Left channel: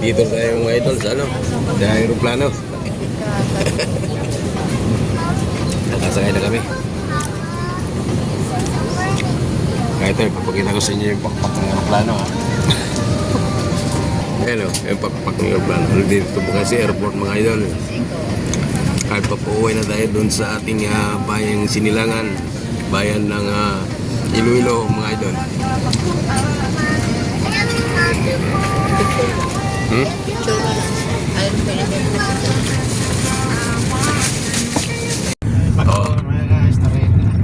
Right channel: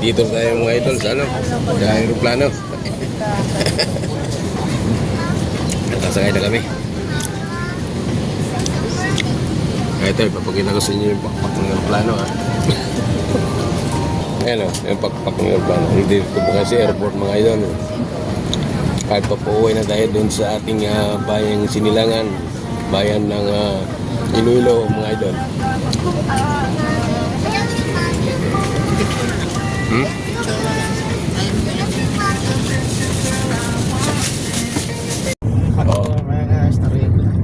Dito tayo mga idol sa ano, sa aeroplano. Nakasakay na kami. Kaya tayo, papakita ko sa inyo yung pakpak ng aeroplano ha. Ayan o, yung pakpak ng aeroplano. Dito po kasi airport mga idol. Kahit pa po uwi na tayo dun sa ating bayang Sinilangan, bayan ng Iloilo mga idol. Picture na. Picture na lang. Alam ko na mo.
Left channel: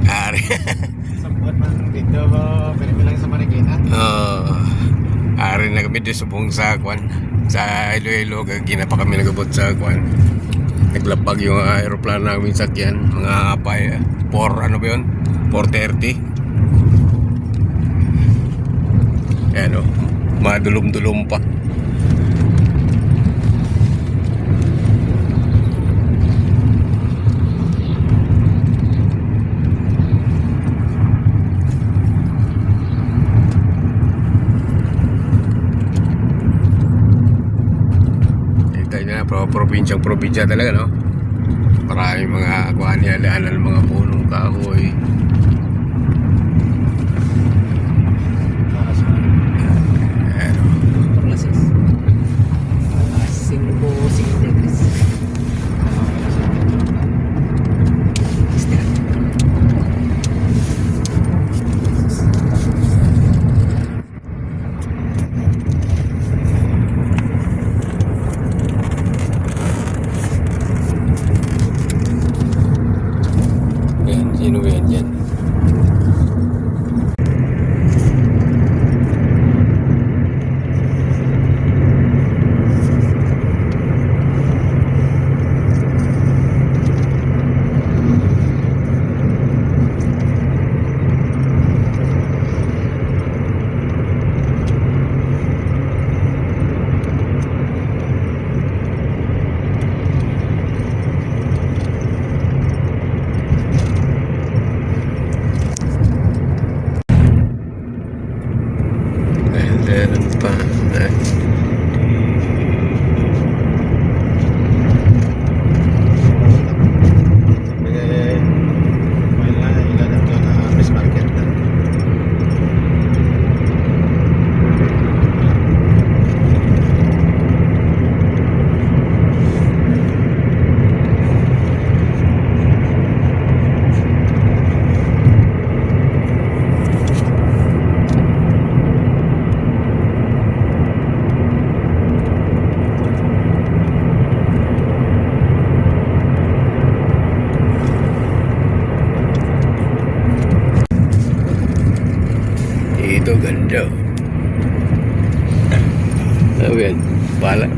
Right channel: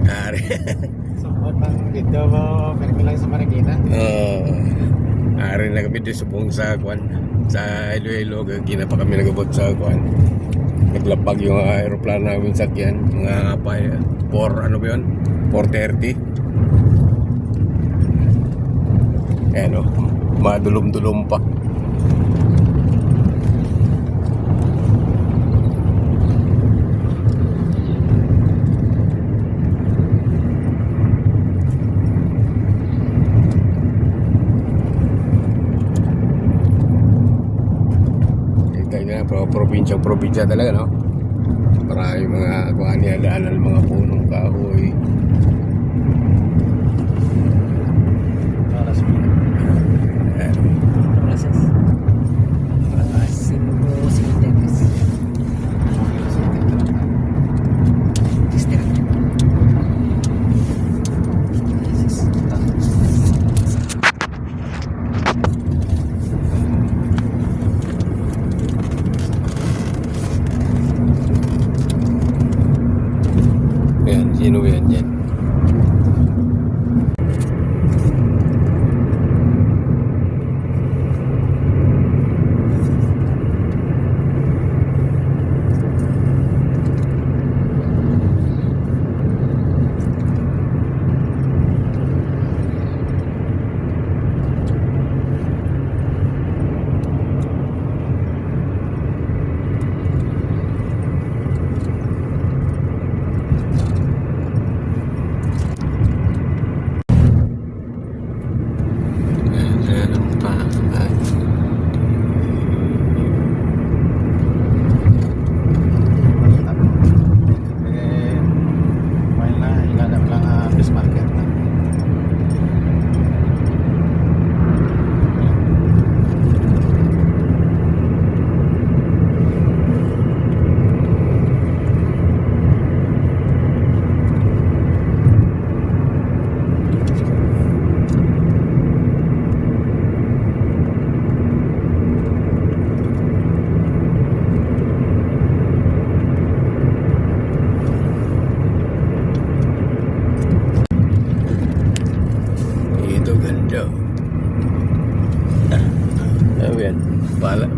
Ari. Ari na kami doon sa buong sakwan. Sa Iloilo, gina pa kami nagabot sa sakwan. Naglapag yung aeroplano namin sakyan. Mga apay, 4, ano ba yun? 4:30. Ayan o, madulum-dulum pa. Probinsya talaga, no? Maraming mga kuhan yan, daanan, mga punong kahoy.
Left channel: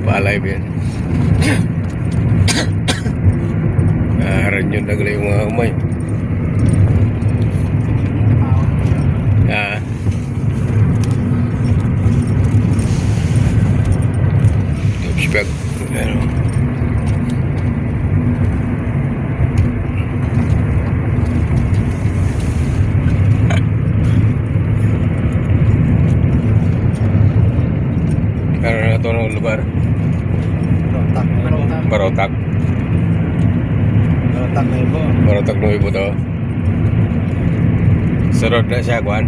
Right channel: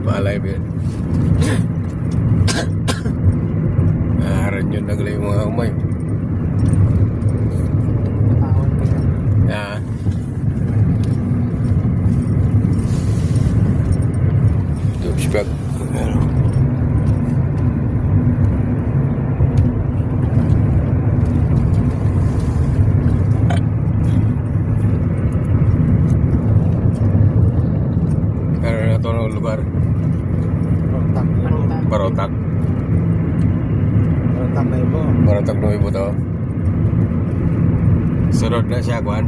Palay yan. Aran yun nagla yung mga umay. Spek. Ano na ito ng lugar? Barotak. Barotak na ibo to. Sa road na siya, Kwan.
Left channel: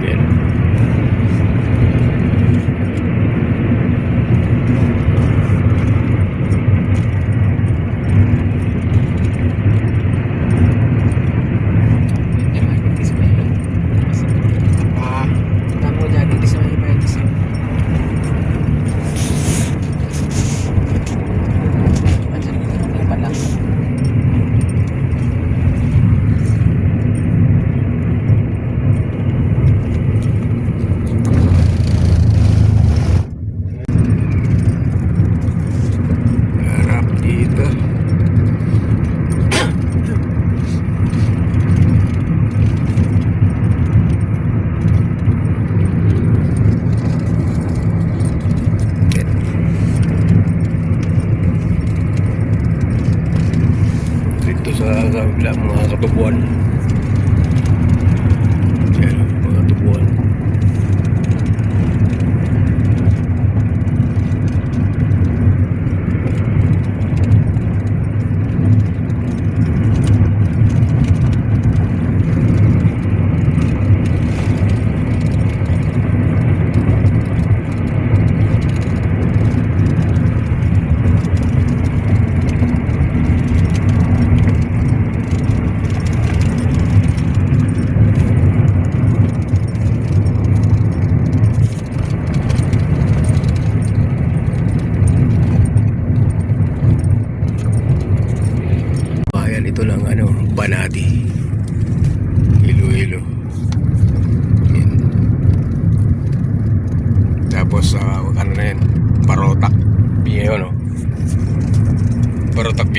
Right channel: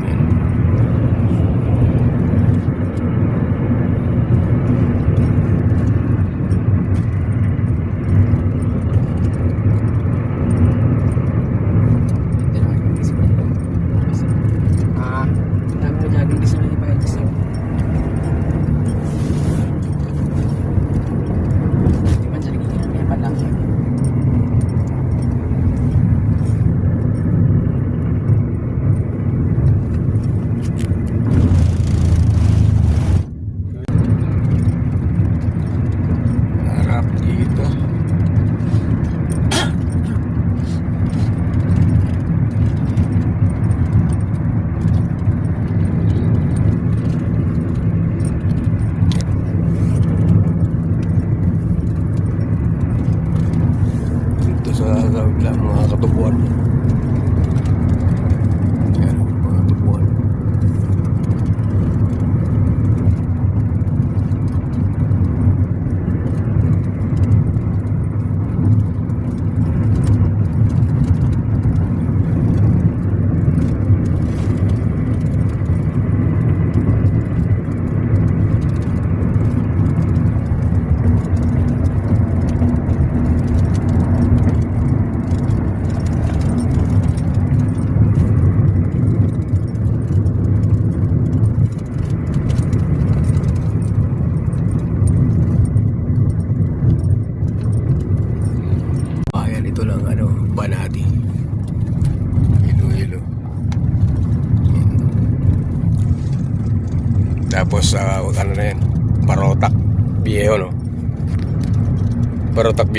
Yan.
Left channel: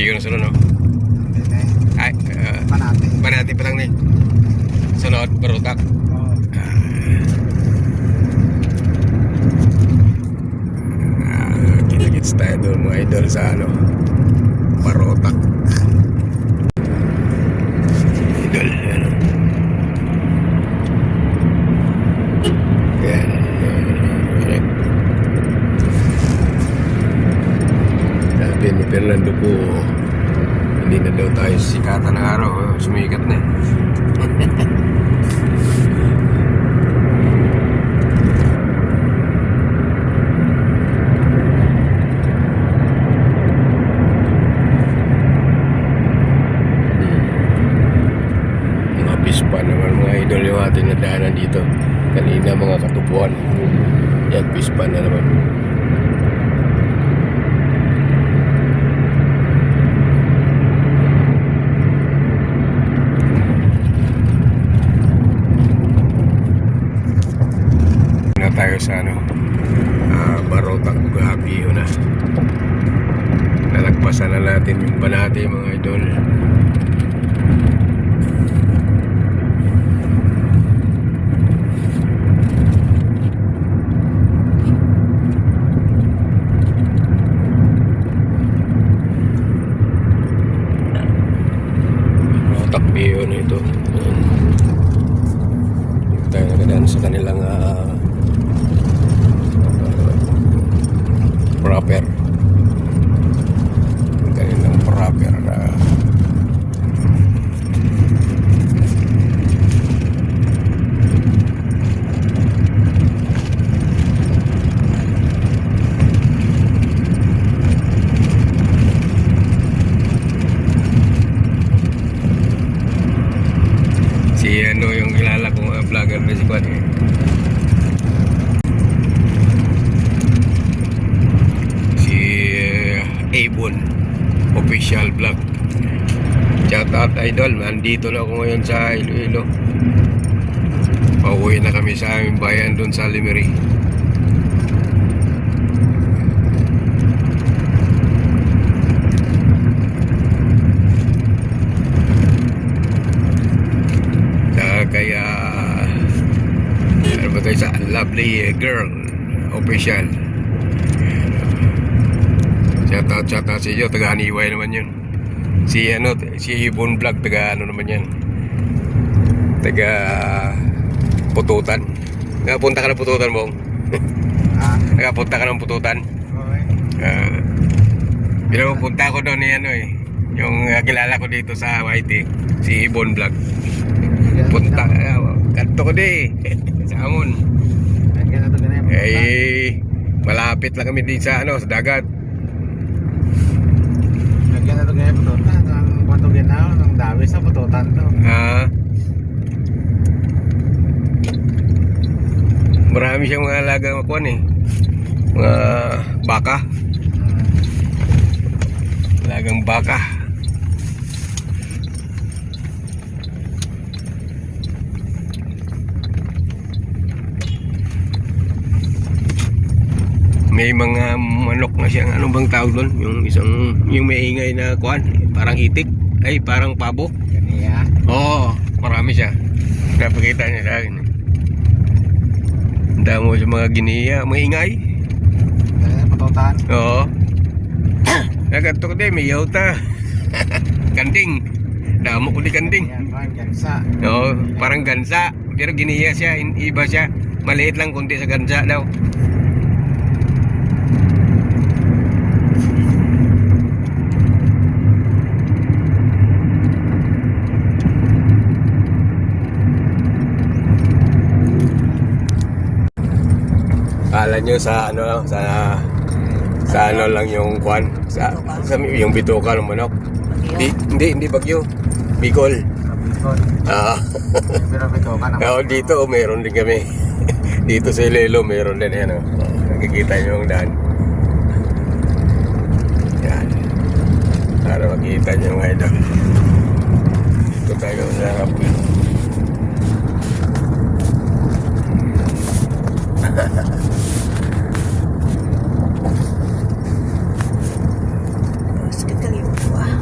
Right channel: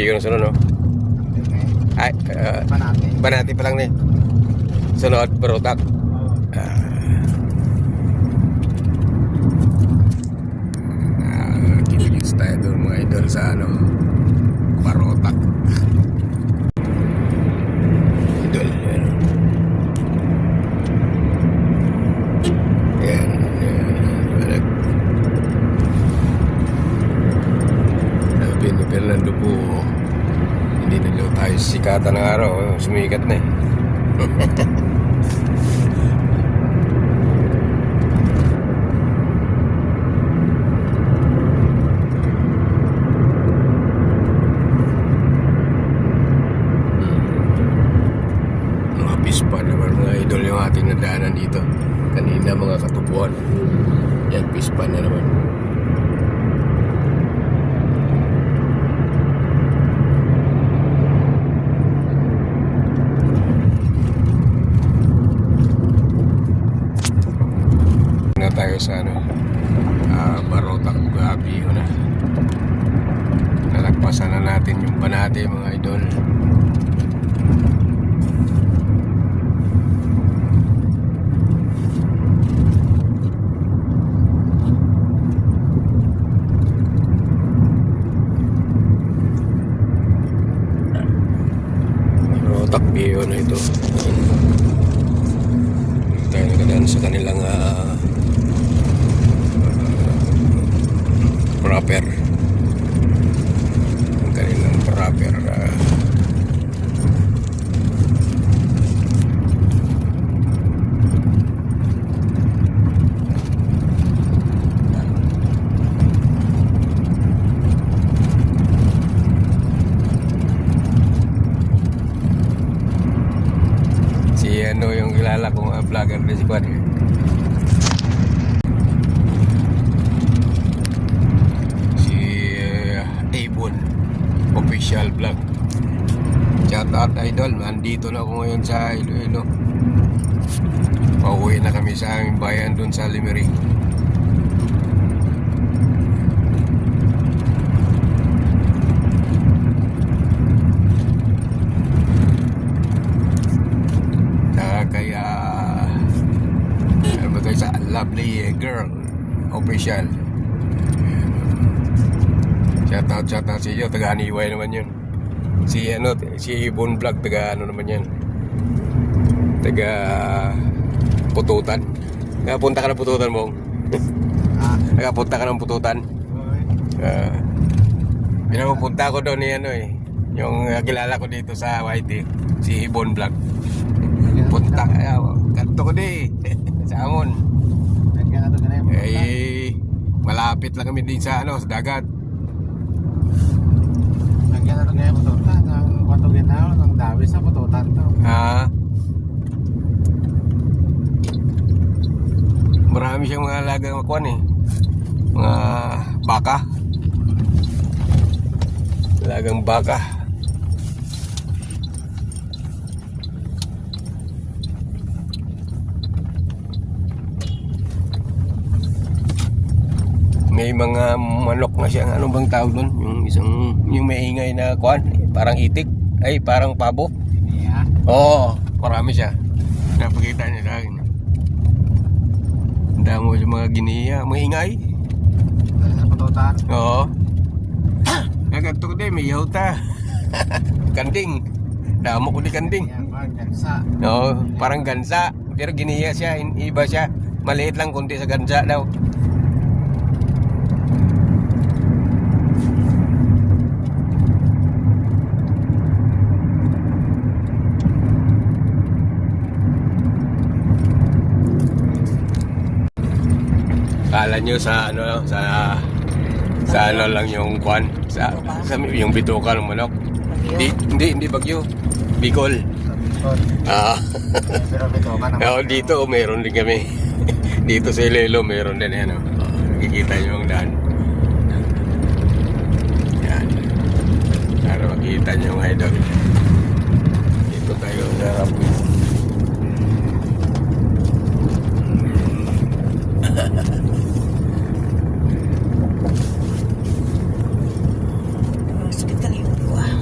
Biyo na sunod, no? Hindi na eh. Ay, Panate. Banati pa lang din. Sunod, Barotac. Oo. Kinagits tayo doon mga idol sa ano, Barotac. Idol, ano. Yan. Sabi ni Fernando po, hindi na daw tayo sikatan ng araw. Sumikat na eh. Pispan naman mga idol yung ating nadaanan dito kanina mga katubuan. Yan, pispan na naman. Na tayo sa ano, Barotac Gabi yun na. Nalagpasan na natin yung Banati mga idol. Takbi yun ito. Tayo nagdaan sa kanilang proper. Kanilang proper na vlogger na si Kwan eh. Si Avon official vlog. Shout out idol, nandito na ako ngayon sa Iloilo. Pauwi na kami sa aming bayan doon sa Lemery. Kaya sa lovely girl official. Shout out si iyo, taga Aniway naman yun. Si ano, si Ibon Vlog, taga ano naman yan, taga Pututan. Nakapunta ka ng Pututan mo? Nakapunta ka ng Pututan? Okay. Pinapunta ko doon ni ano eh, yung kilala ko dito sa YT, si Ibon Vlog. Punta, kanto ko di sa Amon. Eh, malapit lang kami din sa ano, sa dagat. Nagyan na ito ganyan pututan. Ang patugyan na ako, nang dawi sa pututan to. Marami siyang mga alagang makuan eh. Mga baka. Alagang baka. May mga manok na siyang ano bang tawag doon? Yung isang, yung may ingay na kuan, parang itik, ay parang pabo. Ganiya. Oo, marami siya. Napakita niya sa akin. Ang damo sa mga giniya, maingay. Pututan. Oo. Naganto ko din, may yauta. Kanding. Damo ko di kanding. Yan, gansa. Oo, parang gansa. Pero giniya siya, iba siya. Maliit lang kunti sa gansa daw. Kala nyo sa ano, sa ano lang yung kwan, sa yung bituka ng manok. Hindi Bagyo. Bicol. Pero pututan naman. Dito meron din kami. Dito sa Iloilo meron din yan. Nakikita nyo yung daan. Yan. Para makita nyo yung idol. Dito tayo sa Rapoy. Sakit kali yung buwa.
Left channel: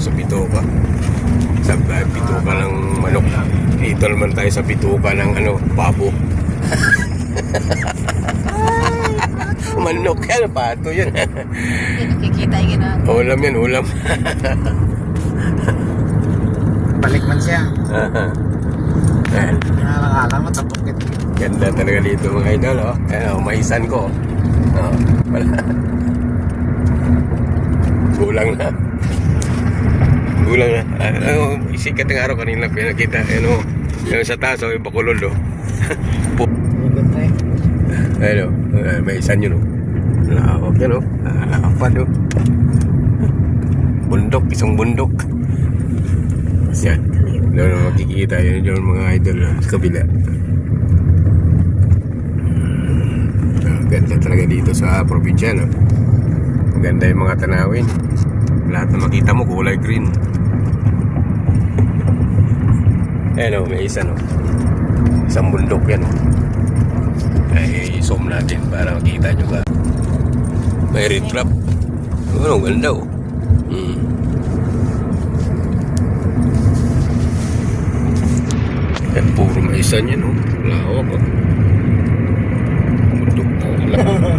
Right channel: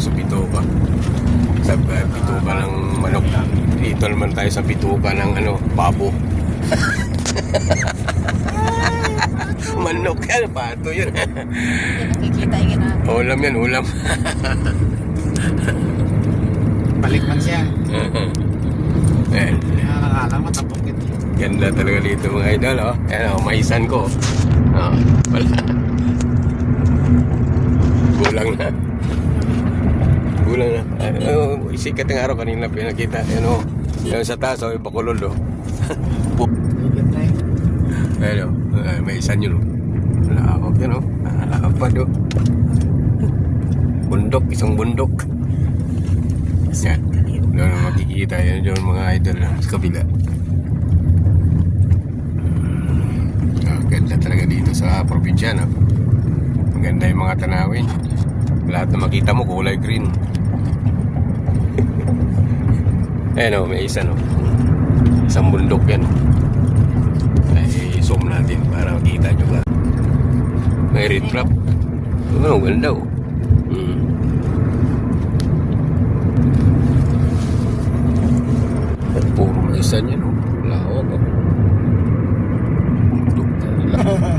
sa bituka. Sa bituka ng manok. Dito naman tayo sa bituka ng ano, pabo. Manok yan, pato yan. Hindi nakikita yung ginagawa. Ulam yan, ulam. Balik man siya. Ayan. Nakakalang at bukit. Ganda talaga dito mga idol, oh. Ayan, oh, maisan ko. Oh, wala. Gulang na. Gulang na. Isikat yung araw kanina pinakita. Ayan, oh. Yan sa taas, oh, yung bakulod, oh. Ayan, oh. Maisan yun, oh. Lawak yan, oh. Lapad, oh. Bundok, isang bundok. Yan. Doon makikita yun yung mga idol na sa kabila. Ganda talaga dito sa probinsya, no? Maganda yung mga tanawin. Lahat na makita mo kulay green. Ayan o, may isa, no? Isang bundok yan, no? Ay, zoom natin para makita nyo ba. May red trap. Ano, ganda, oh. Yan, puro may isa niya, no? Lawak, oh. Bundok na lang.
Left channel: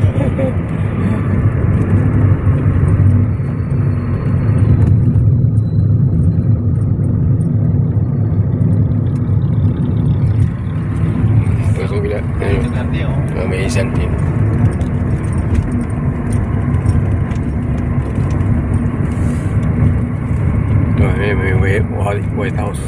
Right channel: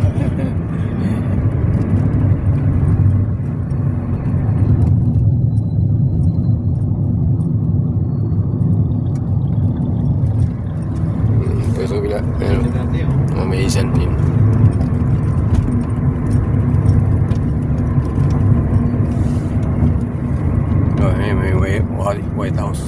May isan din. May White House.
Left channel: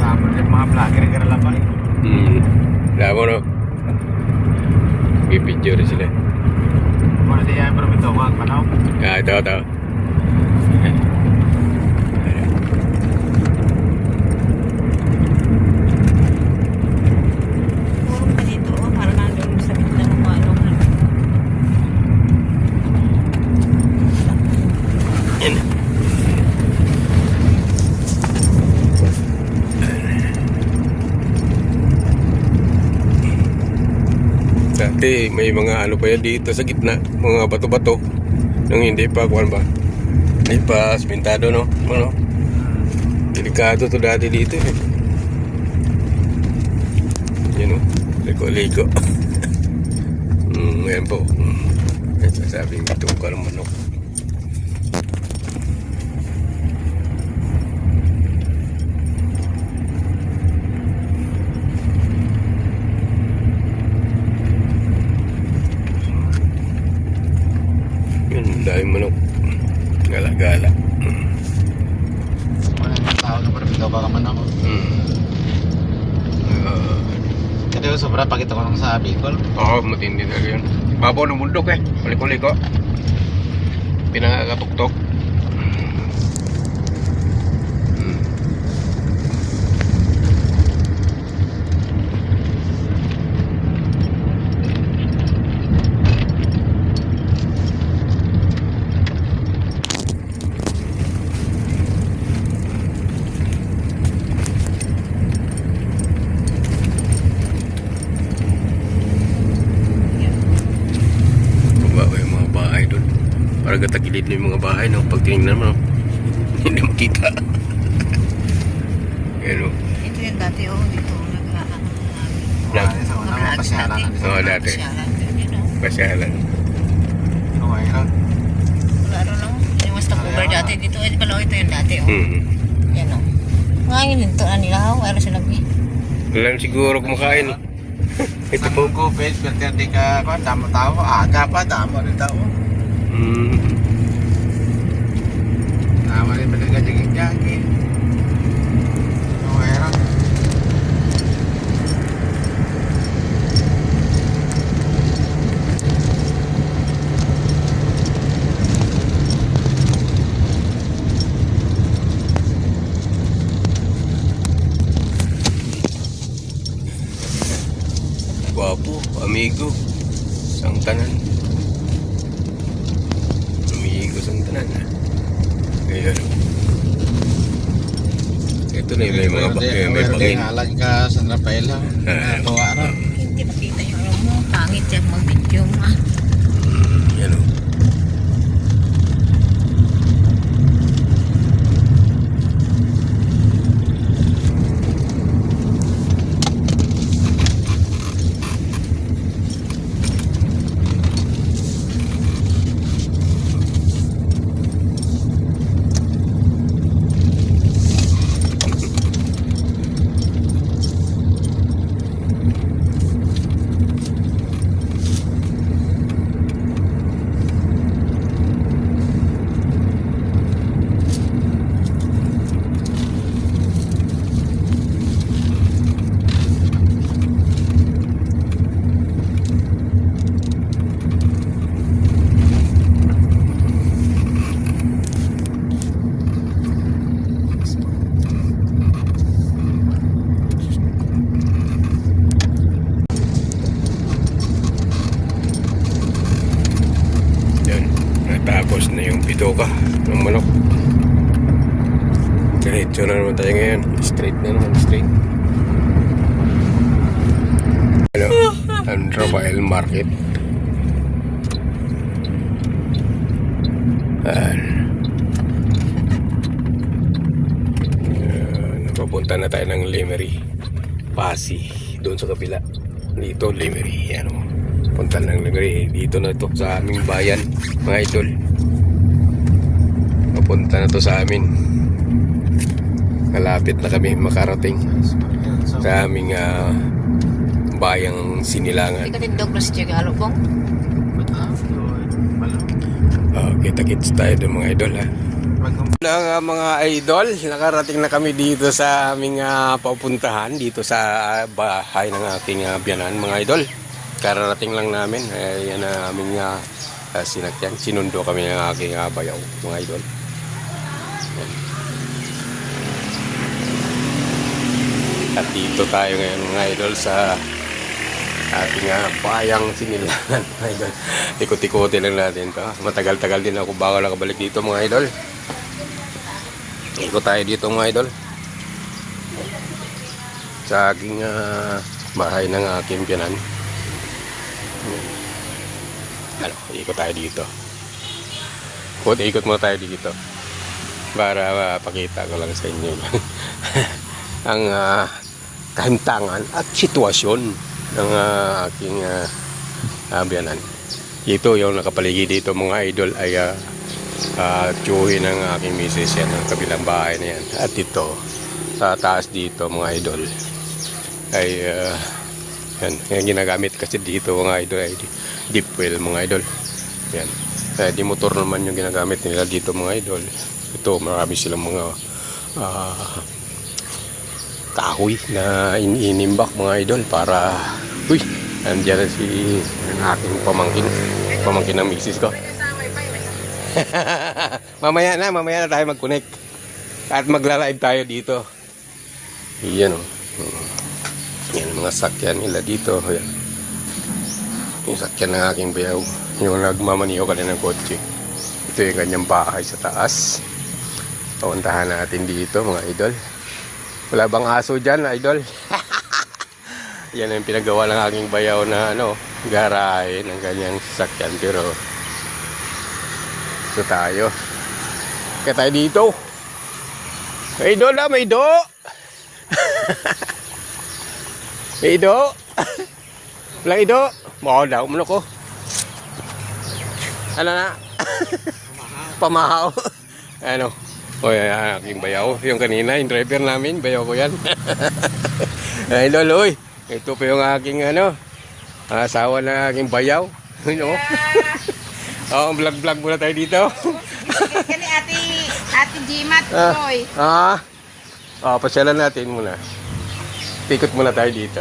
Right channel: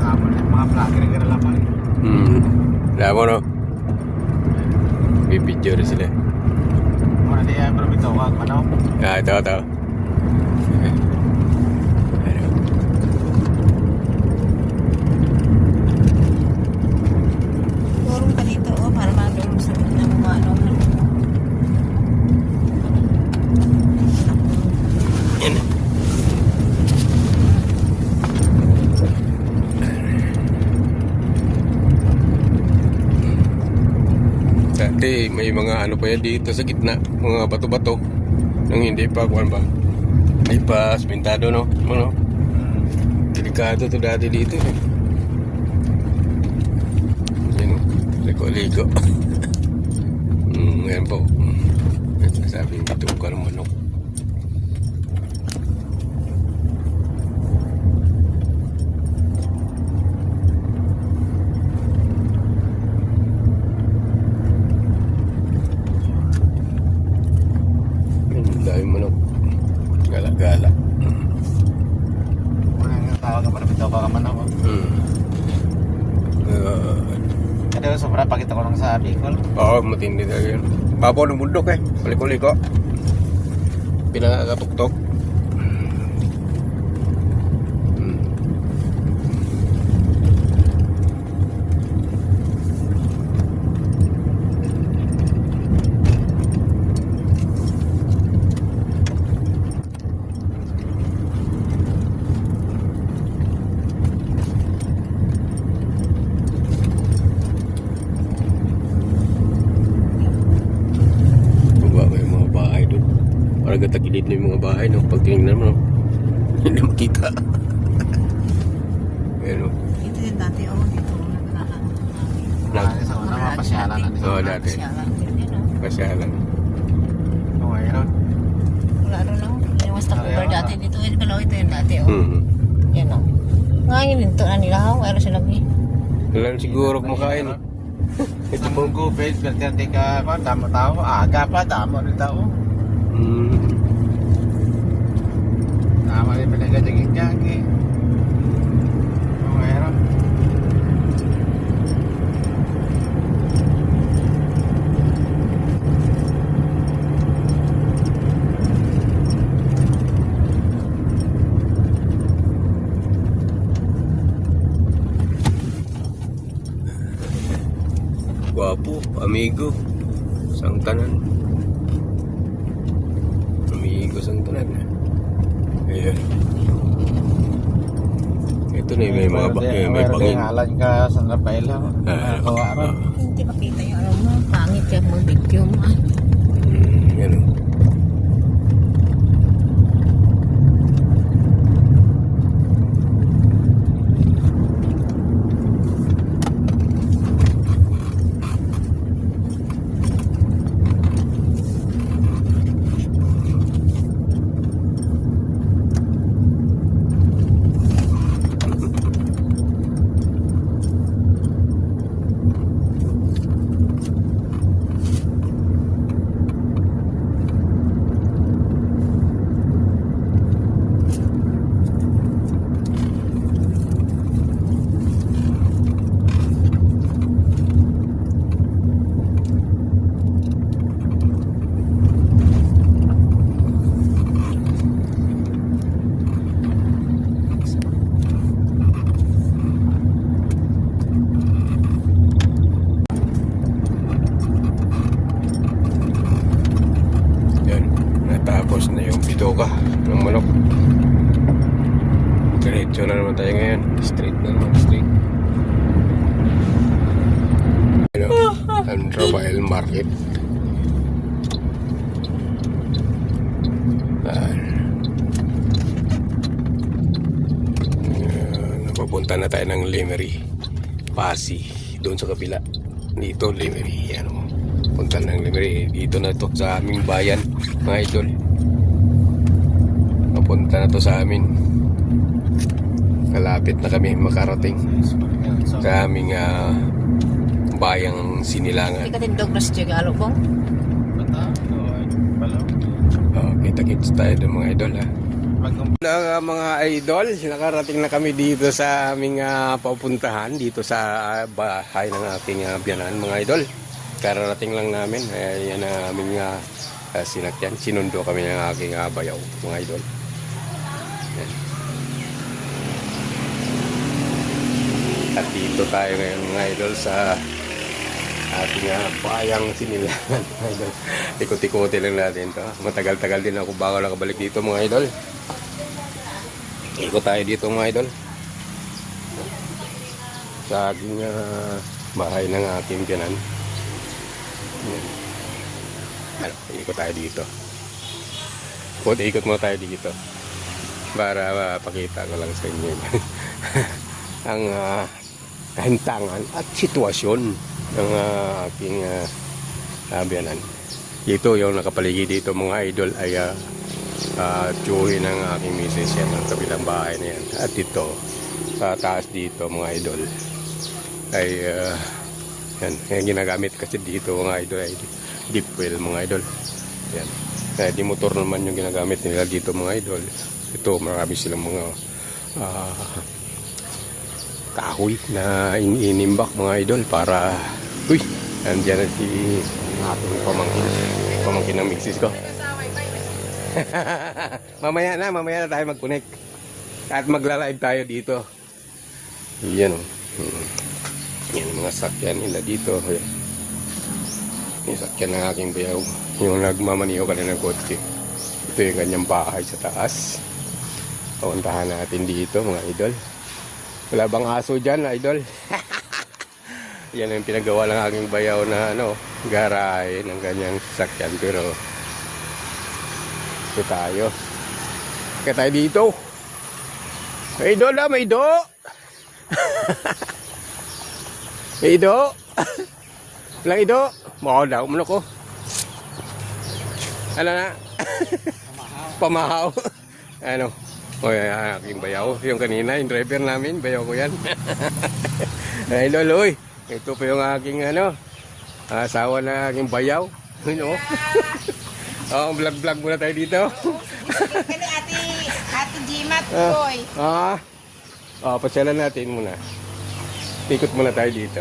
Tapos yung mga vlogger ka na lang pa. Lama no? Bibidyo rin sila. Mga di ay pero ito wag manaw. Ito. Puro pa dito, oh, para doon sa gitna ng mga ano. Dati may mga ano pa yan dito sa gitna, mga bato-bato nang hindi pa kuwan ba, hindi pa asmentado, no? Ano? Delikado to dati dito, eh. Yan, no? Liko-liko. Ngayon po, nagsasabing bituka ng manok. Dahil manok gala-gala. Tawag na pero ito ka man ako. Kasi sobra pakita ko lang sa Bicol. Oo, matindi talaga yun. Babaw ng bundok, eh. Liko-liko. Pinakatuktok. Parang katagilid na yung mga bahay, no? Pag tingnan mo, hindi makita. Yan, no? Ito yung dati, oh, dito, Dati sa una mga pasyalan na Oo, dati. Pasyalan. Okay ra. Wala rin, no? Yung mas takubar dati dito, eh, di pala, ito yung dati, oh. Yan, oh. Ngayon, ito na nila, oh, pero sila, Wala siguro kumakain, no? Ito Isang po. kopes, pero di ka tama-tama, aga pa, tama rin tao. Tama rin talaga jaging-jaging. Okay ra. Guwapo, amigo. Sang tanan. Kapalan ka San Rafael ha. Gawa ron. Hindi makita yung ano mo. Pangit yan mag-video mo ah. Yan o. Yan. Natapos na yung bitoka ng manok. Diretso na naman tayo ngayon. Straight na naman, straight. Hello, San Rafael Market. Ayan. Napapunta na tayo ng Lemery. Pasi, doon sa kabila. Dito, Lemery. Ano, punta ng Lemery. Dito na to sa aming bayan, mga idol. Papunta na to sa amin. Kalapit na kami makarating sa aming bayang Sinilangan. Hindi ka din Douglas Jigalo pong. Kita-kits tayo doon mga idol ha. Mga idol, nakarating na kami dito sa aming papuntahan dito sa bahay ng aking biyanan mga idol. Kararating lang namin, yan na aming sinakyan. Sinundo kami ng aking bayaw mga idol. At dito tayo ngayon mga idol sa ating bayang Sinilangan mga idol. Ikot-ikotin lang natin to. Matagal-tagal din ako bago nakabalik dito mga idol. Ikot tayo dito mga idol sa aking bahay ng aking biyanan. Ikot tayo dito. Ikot muna tayo dito para pakita ko lang sa inyo ang kahintangan at sitwasyon ng aking biyanan. Ito yung nakapaligid dito mga idol ay tiyuhin ng aking misis yan, ang kabilang bahay na yan. At ito sa taas dito mga idol ay yan, yung ginagamit kasi dito mga idol ay deep well mga idol. Yan, di motor naman yung ginagamit nila dito mga idol. Ito marami silang mga kahoy na iniimbak mga idol para nandiyan si ang aking pamangkin ng misis ko. mamaya na tayo mag-connect at magla-live tayo dito. Yan o. Yan mga sakyan nila dito. Yan. Yung sakyan ng aking bayaw, yung nagmamaniho ka ng kotse. Ito yung kanyang bahay sa taas. Puntahan natin dito mga idol. Wala bang aso dyan idol? Yan ang pinagawa ng aking bayaw na garahe ng kanyang sasakyan. Pero ito tayo. Kaya tayo dito. May do na, may do. May do. May do. Mao daw mo ko. Ano na? Pamahaw. Ano? O yan, aking bayaw. Yung kanina, yung driver namin, bayaw ko yan. Ay lolo, oy. Ito po yung aking asawa ng aking bayaw. Vlog muna tayo dito. Kani ate Jimat, boy. Pasyalan natin muna. Ikot muna tayo dito.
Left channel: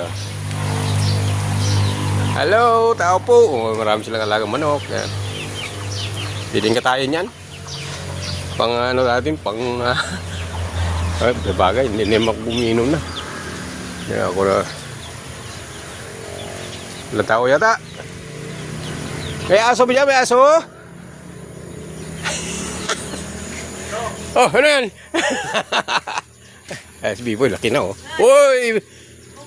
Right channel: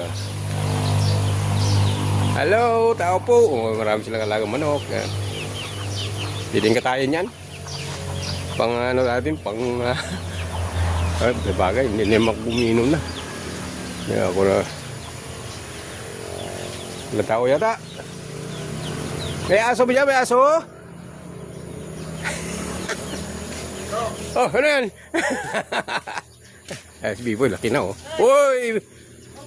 Hello, tao po. Marami silang alagang manok. Piling katayin yan. Pang natin, pang bagay, hindi naman uminom na. Kaya ako na wala tao yata. May aso ba dyan? May aso? Oh, ano yan? Si Biboy, laki na oh. Uy!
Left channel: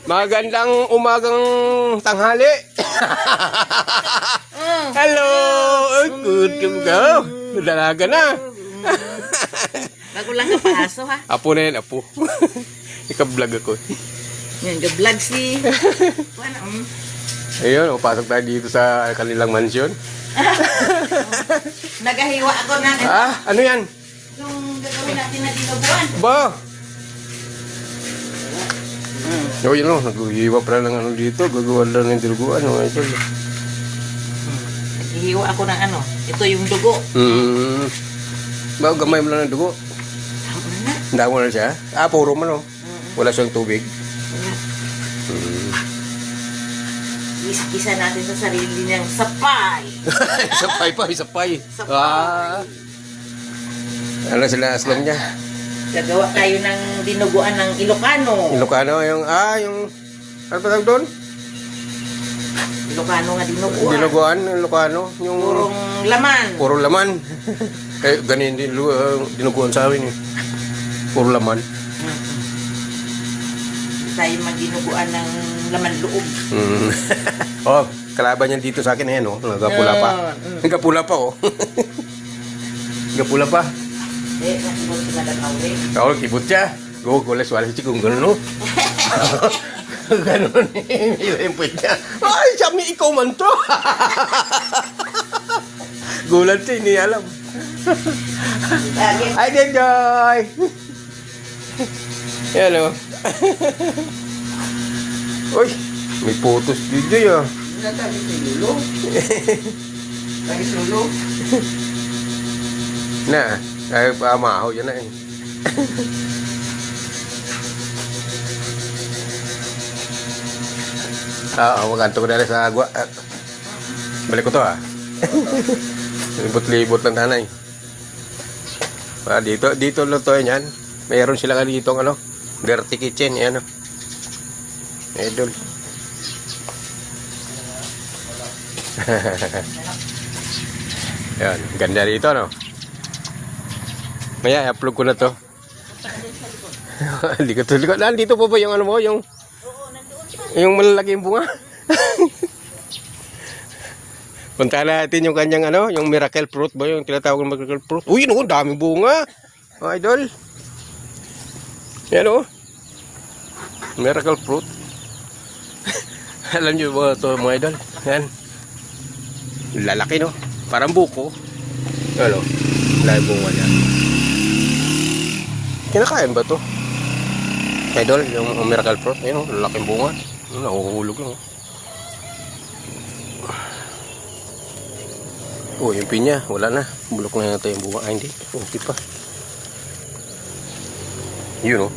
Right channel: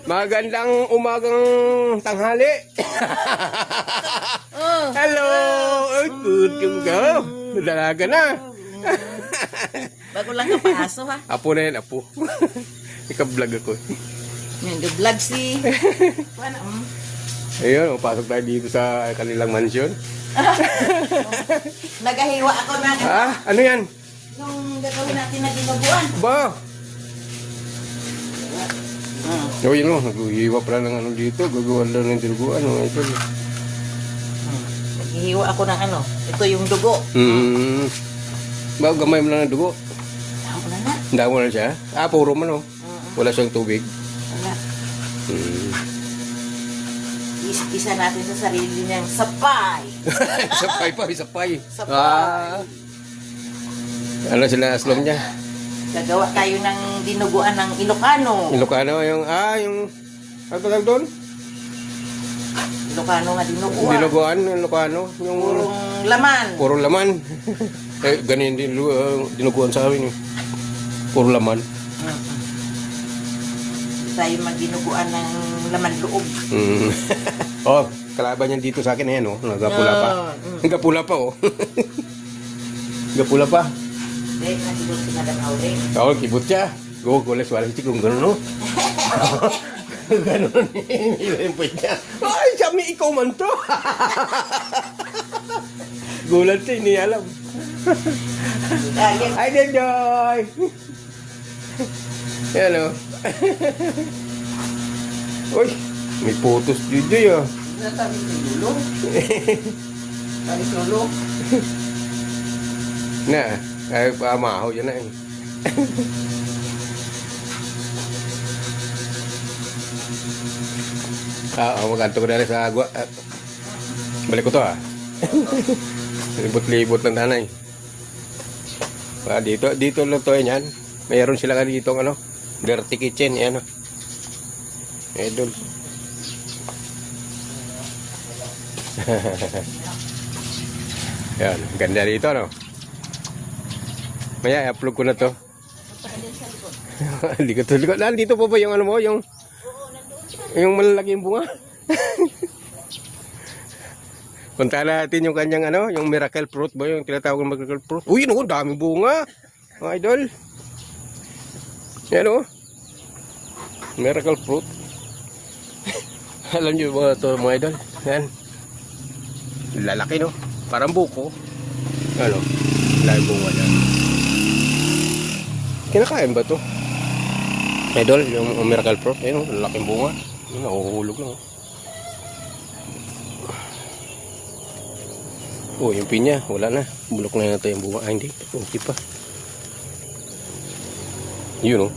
Magandang umagang tanghali. Hello! Ay, kutum ka. Dalaga na. Bago lang ka paso ha. Apo na yan, apo. Ika-vlog ako. Yan, ga-vlog si... Ayun, pasok tayo dito sa kanilang mansyon. Nagahiwa ako ng... Ano yan? Yung gagawin natin na dinuguan. Ba? Oh, yun o. Naghihiwa pala ng ano dito. Gagawa lang ng diluguan. Oh, ito. Naghihiwa ako ng ano. Ito yung dugo. Ba, gamay mo lang ng dugo. Tama na. Damo na siya. Puro mo no. Wala siyang tubig. Wala. Isa natin sa sarili niyang sapay. Sapay pa, sapay. Sapay. Ano sila aslang niya? Gagawa tayo ng dinuguan ng Ilocano. Ilocano, yung ano tawag doon? Ilocano nga dinuguan. Dinuguan, Ilocano. Yung Purong laman. puro laman. Ganyan din dinuguan sa amin. Puro laman. Tayo magdinuguan ng laman loob. Oh, kalaban niyan dito sa akin eh, no? Nagapula pa. Nagapula pa, oh. Nagapula pa. Eh, nandito si Madam Aure. Oo, kibot siya. Gugulas wala si Chikong gano'n, no? Gano'n, nilimpit niya. Ay, sami ikaw man to. Gulat siya, hindi alam. Ay, Joy! Yan, oh. Uy, may photos dito, ah. Natabi si Lulo. Tabi si Lulo. Na, ay pamahaw yan na eh. Maganto ko na rin sa agwa. Balik ko to Libot-libot ng tanay. Dito lang to yan. Mayroon sila ka dito ano. Dirty kitchen yan. Idol. Yan, ganda dito no. Maya, i-upload ko na to. Hindi ko tuloy. Nandito po ba yung ano mo? Yung malalaking bunga? Punta natin yung kanyang ano, yung miracle fruit ba? Yung tinatawag ng miracle fruit. Uy, no, daming bunga. Idol. Yan o. Miracle fruit. Alam nyo mga ito mga idol. Yan. Lalaki no. Parang buko. Ano? Lahat bunga yan. Kinakain ba to? Idol, yung miracle fruit. Yan o, lalaking bunga. Nakukulog yun. Yung pinya, wala na. Bulok na yata yung bunga. Hindi, okay pa. Yun o.